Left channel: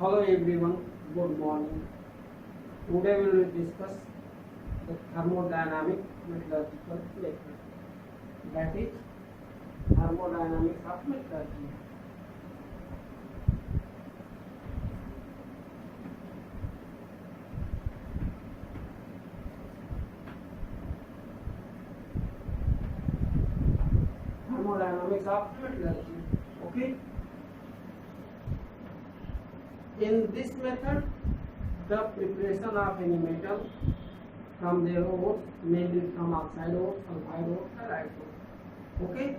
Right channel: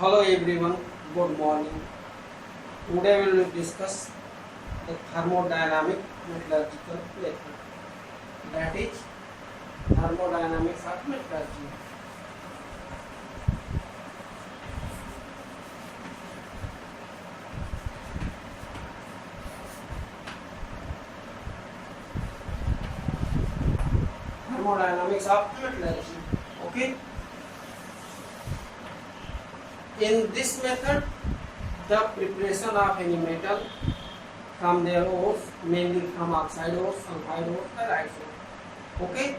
Hello everyone, good morning. Today we will discuss the thermodynamic metallurgical method. That is thermodynamics of metallurgy. Thermodynamics of metallurgy. Okay. In this method, the preparation of any metal from their ores, mainly from oxide ores, sulfide ores, ferrite ores, okay,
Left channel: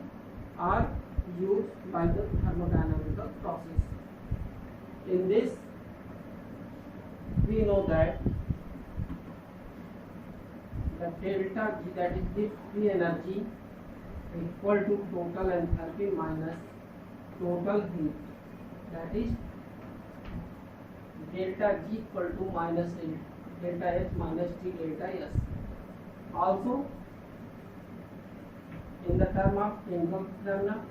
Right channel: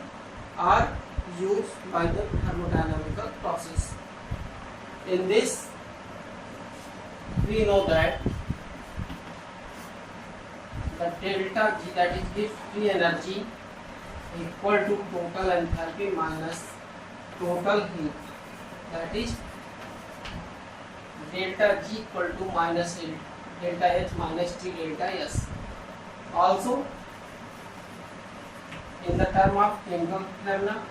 are used by the thermodynamical process. In this, we know that the delta G, that is the free energy, equal to total enthalpy minus total heat, that is delta G equal to minus delta H minus T delta S. Also, in the term of chemical phenomena,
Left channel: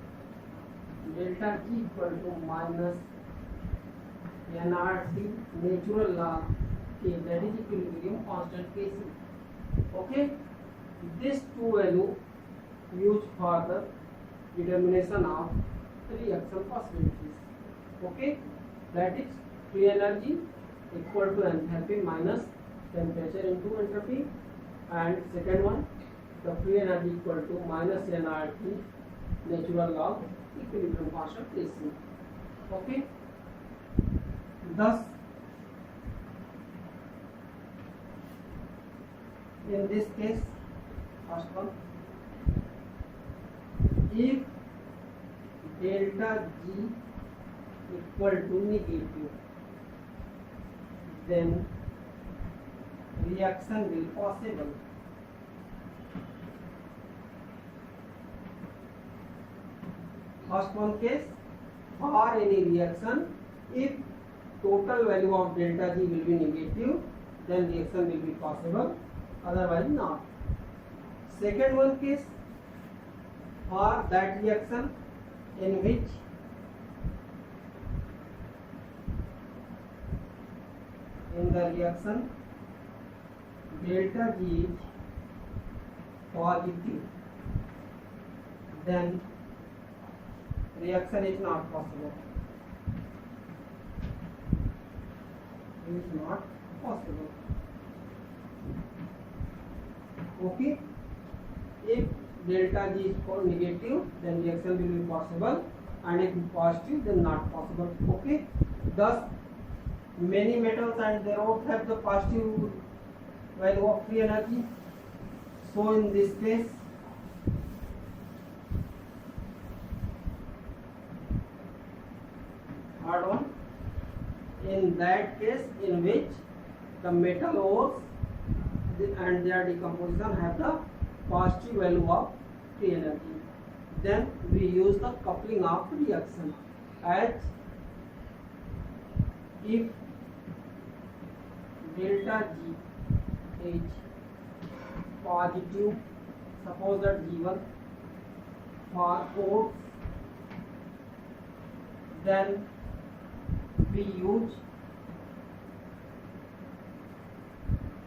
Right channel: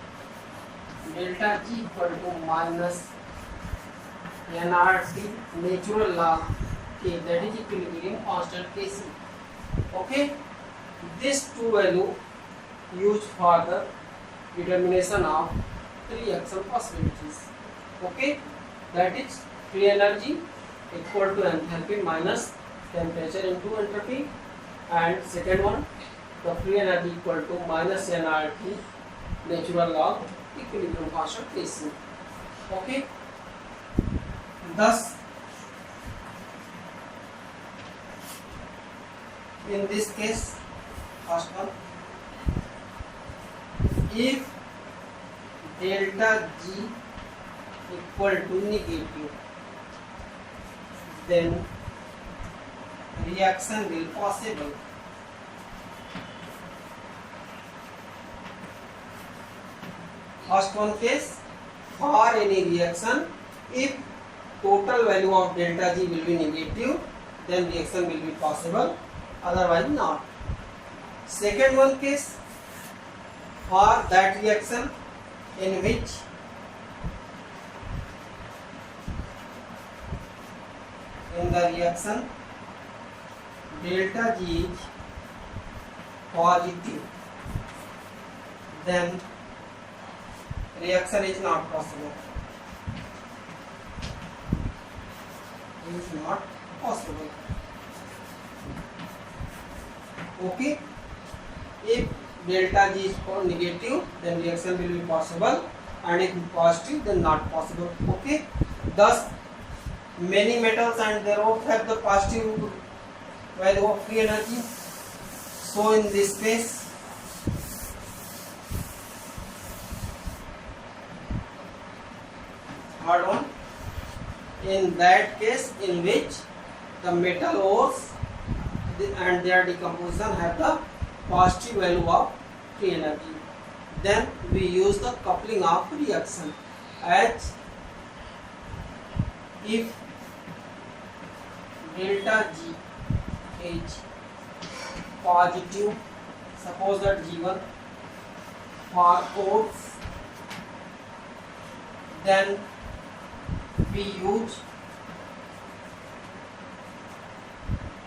delta G equal to minus nRT natural log K, that is equilibrium constant Kc. Okay, this two value used for the determination of reaction possibilities. Okay, that is free energy equal to enthalpy minus temperature into entropy, and second one, the free energy equal to minus nRT natural log equilibrium constant Kc. Okay, thus in this case, first one, if delta G equal to negative, then reaction will possible. First one case, for any reaction, if total value of delta G will be negative, then reaction will be possible, otherwise not. Second one case, for that reaction in which in the reaction delta G is positive, then reaction is not possible. It is not possible. Okay, if delta G is negative, then reaction will be possible, and if positive, then not possible. Okay, thus many metals and their ores have the positive value of free energy. So in this case, third one, in that case in which the metal ores and their decomposition have the positive value of free energy, then we use the coupling of reaction, as if delta G is positive, suppose that G1 for ores, then we use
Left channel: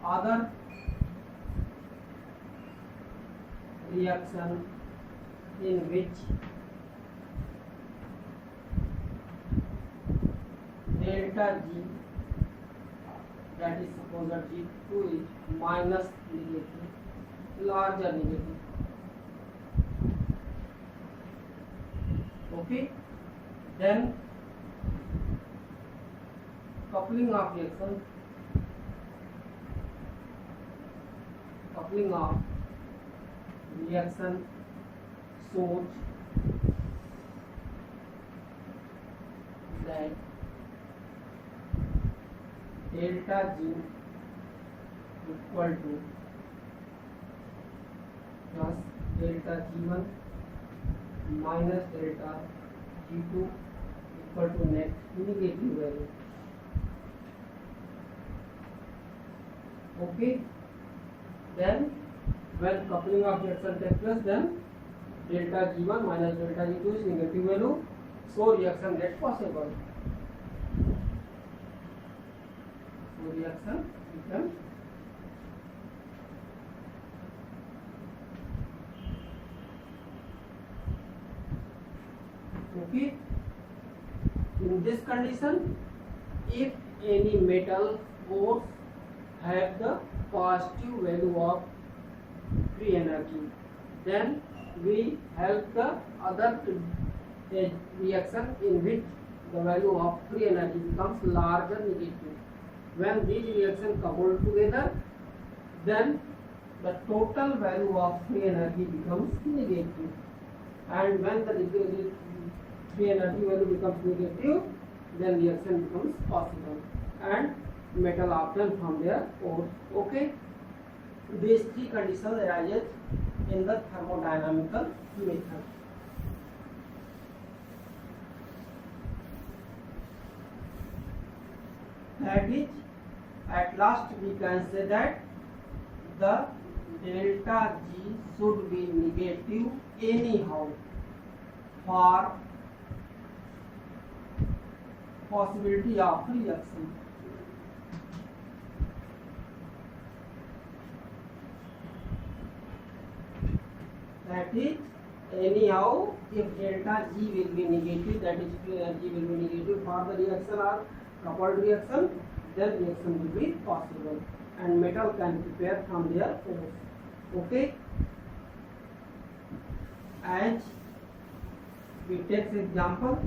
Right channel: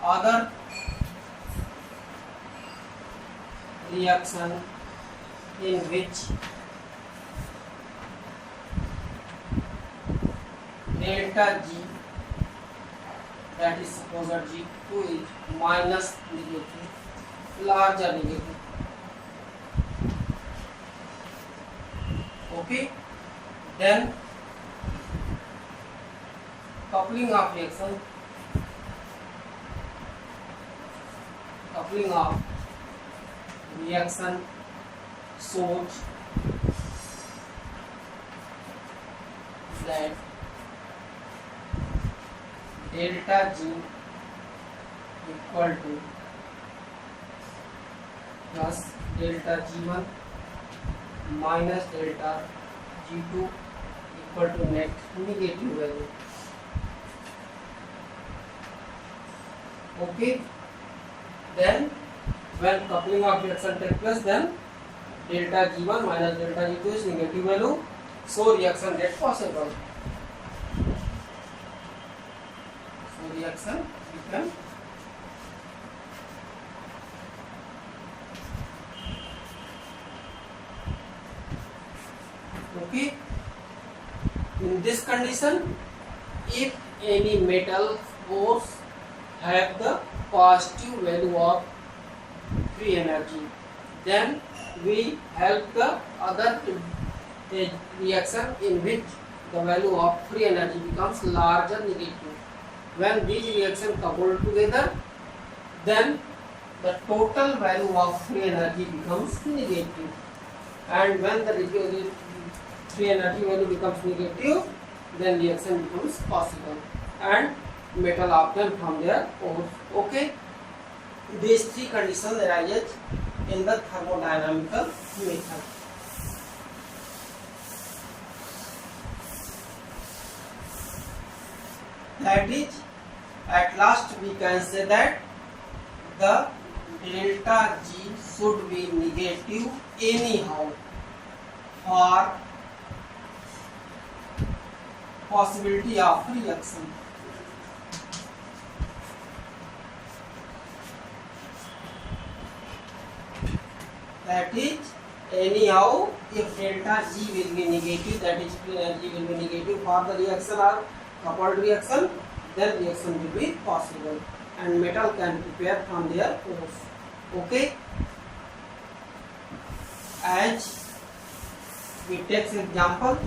other reaction in which delta G, that is suppose that G2 is minus negative, larger negative. Okay, then coupling of reaction, shows that delta G equal to plus delta G1 minus delta G2 equal to negative value. Okay, then when coupling of reaction takes place, then delta G1 minus delta G2 is negative value, so reaction get possible. So reaction become okay. In this condition, if any metal ores have the positive value of free energy, then we help the other reaction in which the value of free energy becomes larger negative. When these reactions coupled together, then the total value of free energy becomes negative. And when the free energy value becomes negative, then reaction becomes possible and metal obtained from their ores. Okay, these three conditions arise in the thermodynamical method. That is, at last we can say that the delta G should be negative anyhow for possibility of reaction. That is, anyhow, if delta G will be negative, that is free energy will be negative for the reaction or coupled reaction, then reaction will be possible and metal can prepare from their ores. Okay, as we take example,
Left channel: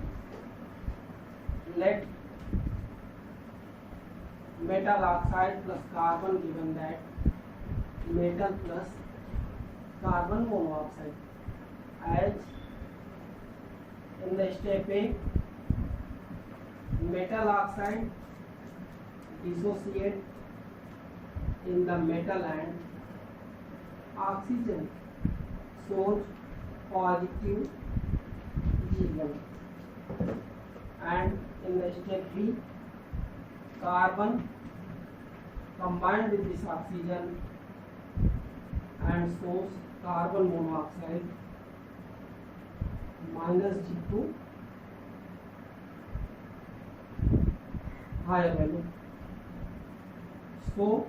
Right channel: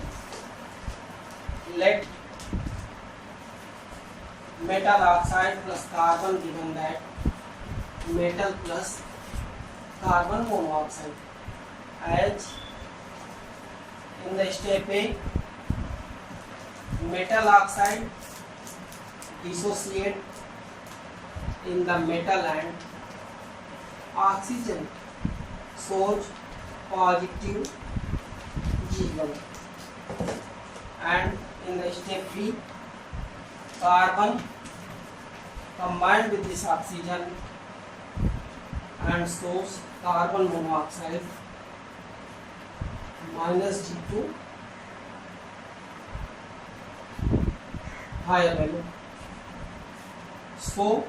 let metal oxide plus carbon, given that metal plus carbon monoxide, as in the step A, metal oxide dissociate in the metal and oxygen shows positive G1, and in the step B, carbon combined with this oxygen and shows carbon monoxide minus G2, higher value. So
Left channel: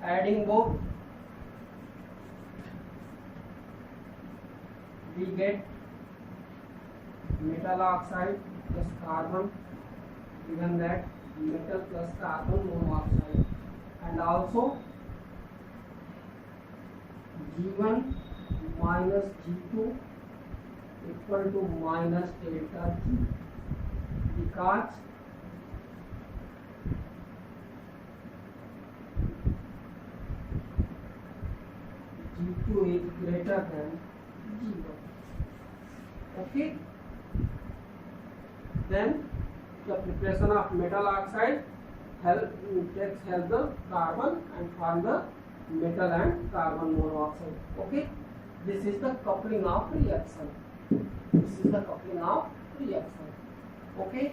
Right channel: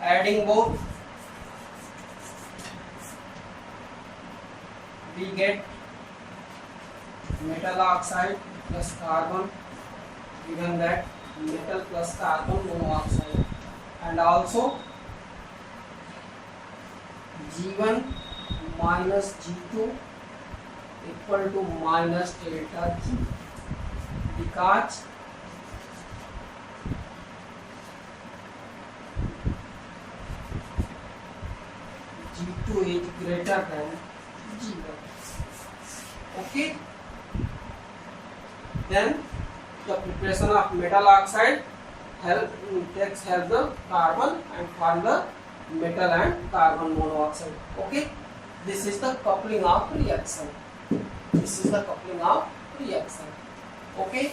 adding both, we get metal oxide plus carbon, given that metal plus carbon monoxide, and also G1 minus G2 equal to minus delta G, because G2 is greater than G1. Okay, then the preparation of metal oxide takes help the carbon and form the metal and carbon monoxide. Okay, this is the coupling of reaction. This is the coupling of reaction. Okay,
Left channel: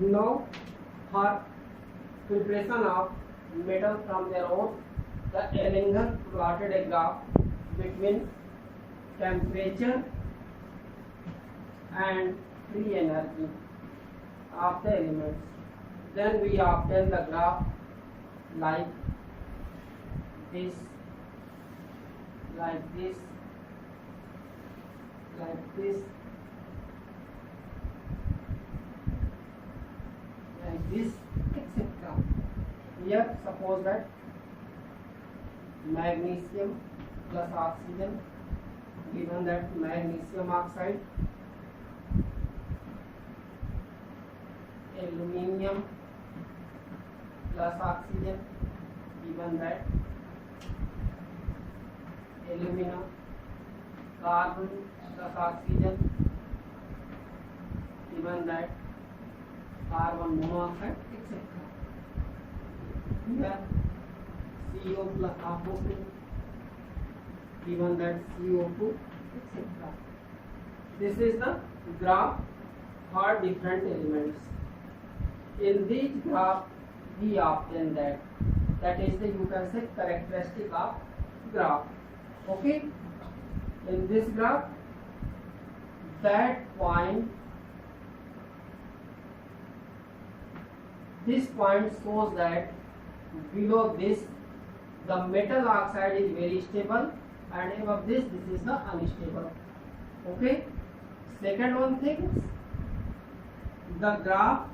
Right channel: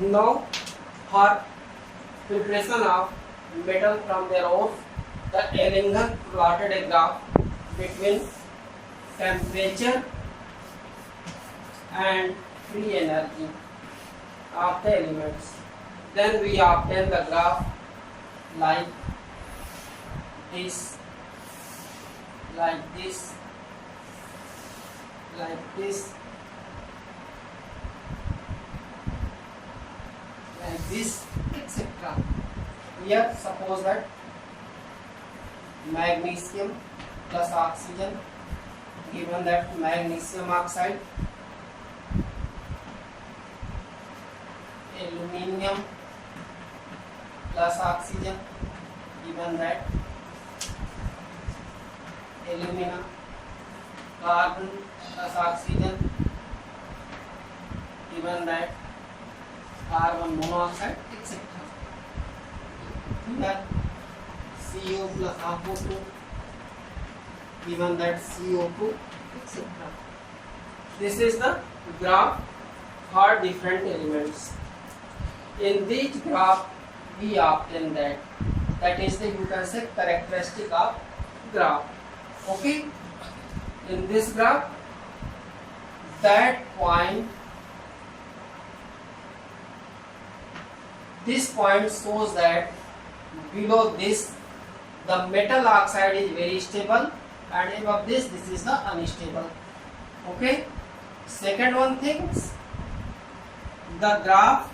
now for preparation of metal from their ores, the Ellingham plotted a graph between temperature and free energy of the elements. Then we obtain the graph like this, like this, like this, like this, etc. Here suppose that magnesium plus oxygen, given that magnesium oxide, aluminium plus oxygen, given that alumina, carbon plus oxygen, given that carbon monoxide, etc. Here CO plus O2, given that CO2, etc. This is the graph for different elements. In this graph, we obtain that is the, you can say, characteristic of graph. Okay, In this graph, that point, this point shows that below this the metal oxide is very stable, and above this is the unstable. Okay. Second one things, the graph,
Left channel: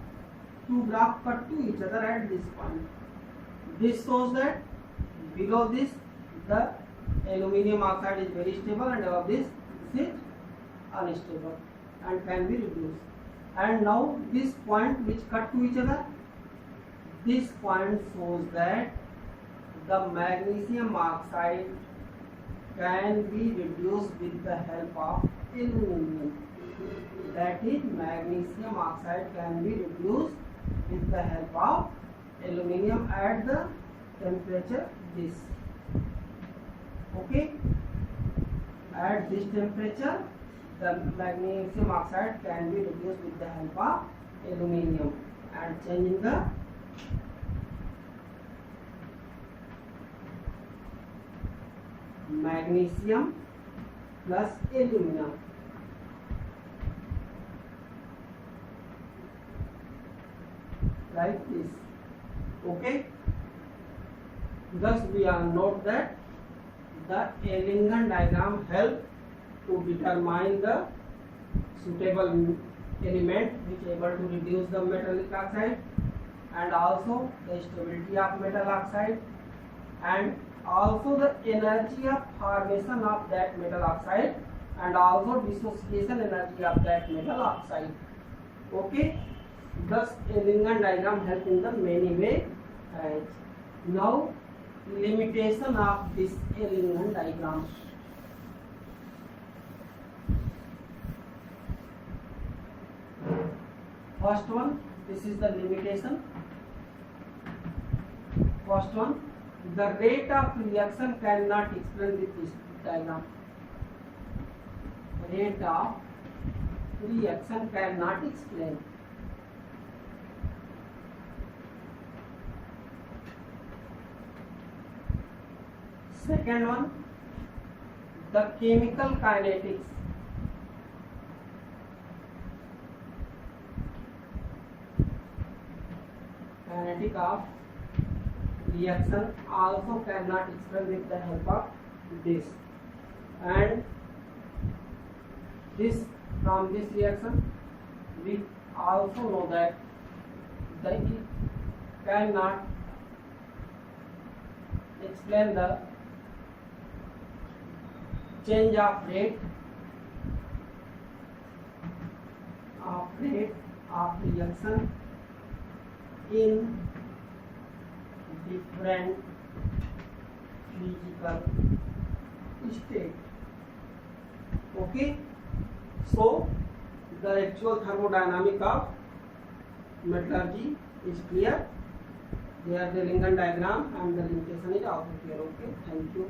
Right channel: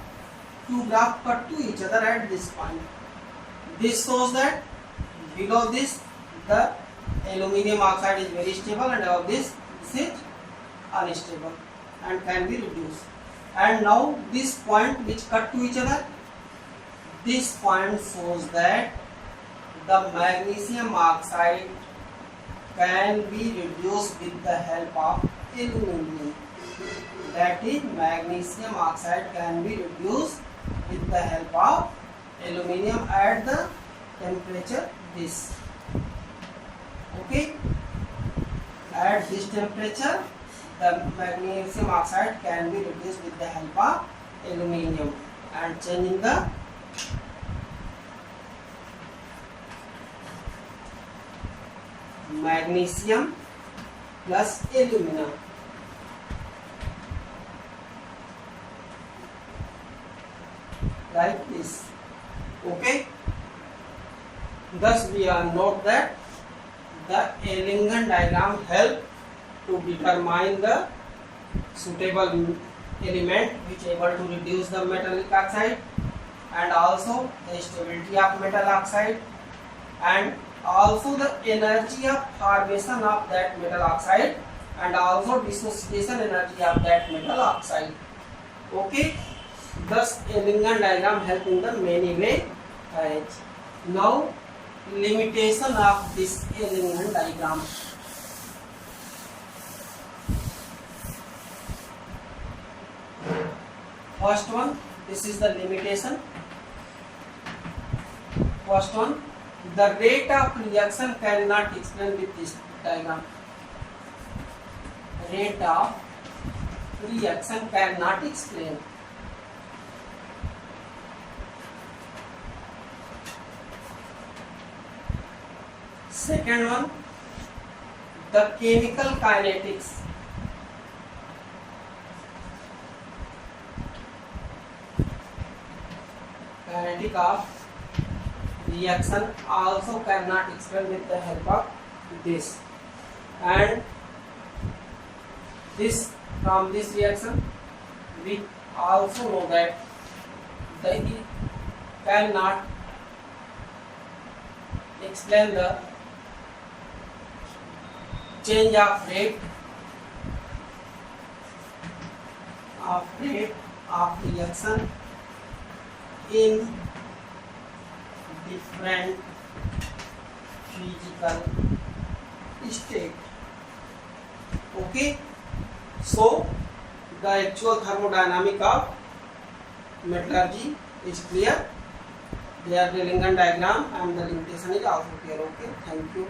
two graphs cut to each other at this point. This shows that below this the aluminium oxide is very stable, and above this is unstable and can be reduced. And now this point which cut to each other, this point shows that the magnesium oxide can be reduced with the help of aluminum. That is, magnesium oxide can be reduced with the help of aluminum at the temperature this. Okay, at this temperature the magnesium oxide can be reduced with the help of aluminum, and changing the magnesium plus aluminum. Like this. Okay. Thus we are note that the Ellingen diagram help to determine the suitable element which able to reduce the metallic oxide, and also the stability of metal oxide, and also the energy of formation of that metal oxide, and also dissociation energy of that metal oxide. Okay. Thus Ellingen diagram help in the many way. Now limitation of this Ellingen diagram. First one, this is the limitation. First one, the rate of reaction cannot explain with this diagram. Rate of reaction cannot explain. Second one, the chemical kinetics. Kinetic of reaction also cannot explain with the help of this. And this, from this reaction we also know that they cannot explain the change of rate of reaction in different physical state. Okay, so the actual thermodynamic of metallurgy is clear. There the Ellingen diagram and the limitation is also clear. Okay, thank you.